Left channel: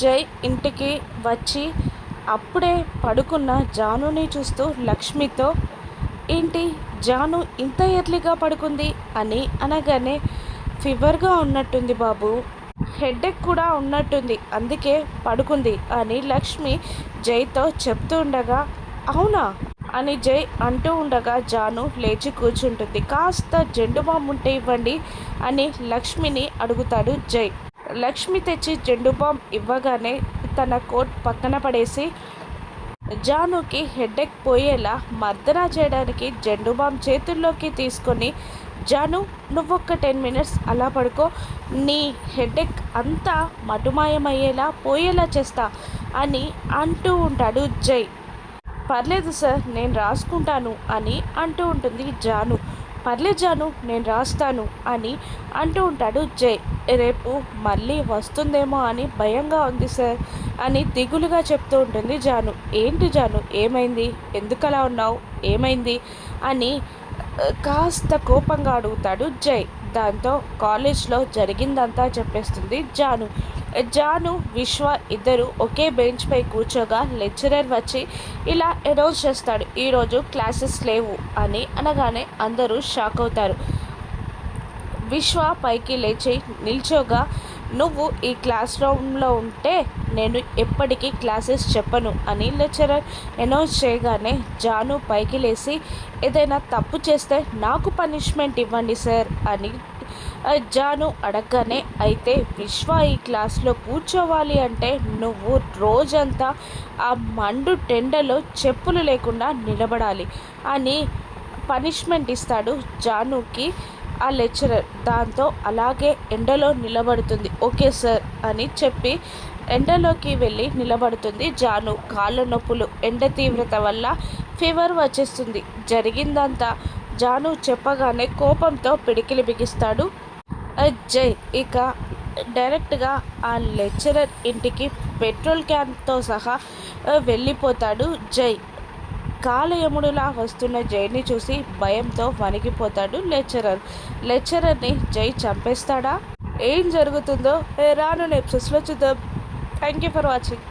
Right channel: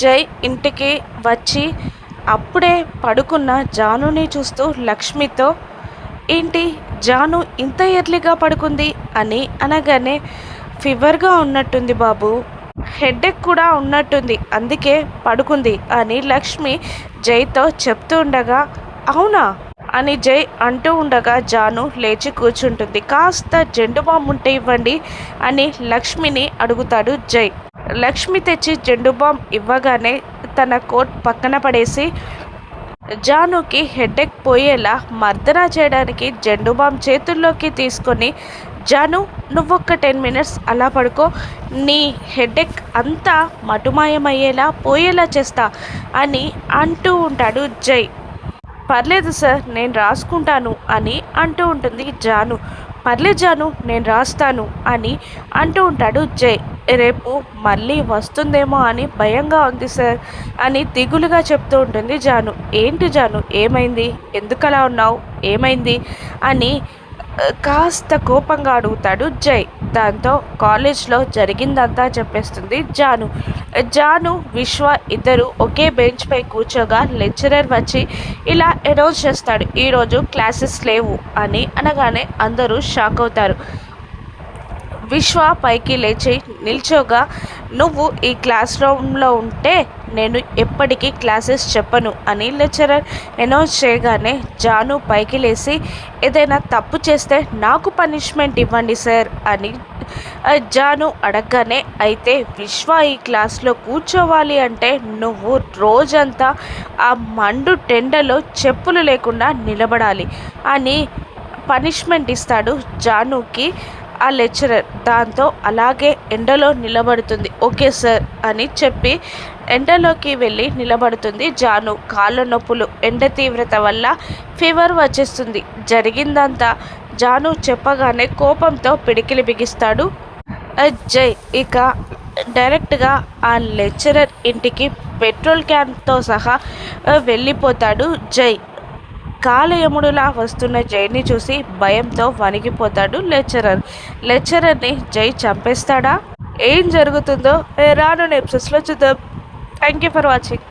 జై ఇంటికి వచ్చి అప్పుడే పడుకున్న జానుని చూస్తూ లక్ష్మితో, ఏంటి జాను ఇంత ఎర్లీగా పడుకుంది అని అనగానే, ఫీవర్గా ఉన్నట్టుంది బాబు, హెడేక్ కూడా ఉన్నట్టుంది, అందుకే పడుకుంది అని లక్ష్మి జైతో చెప్తూ ఉండగా, అవునా అని జై అంటూ ఉండగా జాను లేచి కూర్చుంటుంది. కాస్త జెండు బామ్ ఉంటే ఇవ్వండి అని లక్ష్మిని అడుగుతాడు జై. లక్ష్మి తెచ్చి జెండు బామ్ ఇవ్వగానే తన కోట్ పక్కన పడేసి జానుకి హెడేక్ పోయేలా మర్దన చేయడానికి జెండు బామ్ చేతుల్లోకి తీసుకొని, జాను నువ్వొక్క 10 మినిట్స్ అలా పడుకో, నీ హెడేక్ అంతా మటుమాయమయ్యేలా పోయేలా చేస్తా అని అంటూ ఉంటాడు జై. పర్లేదు సార్ నేను రాసుకుంటాను అని అంటూ ఉంటుంది జాను. పర్లేదు జాను నేను రాస్తాను అని అంటూ ఉంటాడు జై. రేపు మళ్ళీ వస్తుందేమో అని భయంగా ఉంది సార్ అని దిగులుగా చెప్తూ ఉంటుంది జాను. ఏంటి జాను ఏమైంది, ఎందుకలా ఉన్నావు, ఏమైంది అని కాస్త కోపంగా అడుగుతాడు జై. దాంతో కాలేజ్లో జరిగిందంతా చెప్పేస్తుంది జాను. జాను విశ్వ ఇద్దరు ఒకే బెంచ్ పై కూర్చోగా లెక్చరర్ వచ్చి ఇలా అనౌన్స్ చేస్తాడు, ఈరోజు క్లాసెస్ లేవు అని అనగానే అందరూ షాక్ అవుతారు. విశ్వ పైకి లేచి నిల్చోగా, నువ్వు ఈ క్లాస్ రూమ్లో ఉంటే నేను ఎప్పటికీ క్లాసెస్ చెప్పను అని లెక్చరర్ అనౌన్స్ చేయగానే జాను పైకి లేచి, ఏదైనా తప్పు చేస్తే నాకు పనిష్మెంట్ ఇవ్వండి సార్ అని జాను అడగగానే, అయితే విశ్వ ఈ క్లాస్లో కూర్చోవాలి అంటే నువ్వు రోజంతా ఆ మండు టెండలో చెప్పులు లేకుండా నిలబడాలి అని పనిష్మెంట్ ఇస్తాడు జానుకి ఆ లెక్చరర్. దాంతో అలాగే ఎండలో నిలబడుతుంది. ఓకే సార్ అని చెప్పి ఎండలోకి వెళ్ళి నిలబడుతుంది జాను. కాళ్ళ నొప్పులు, ఎండ తీవ్రత వల్ల ఫీవర్ వచ్చేస్తుంది. జరిగిందంతా జాను చెప్పగానే కోపంతో పిడికిలి బిగిస్తాడు జై. ఇక డైరెక్ట్గా ఆ లెక్చరర్ ఇంటికి పెట్రోల్ క్యాన్తో సహా వెళ్ళిపోతాడు జై. కాలయముడులా వస్తున్న జైని చూసి భయంతో వణికిపోతాడు లెక్చరర్. లెక్చరర్ని జై చంపేస్తాడా, ఏం జరుగుతుందో రానున్న ఎపిసోడ్స్లో చూద్దాం. Thank you for watching.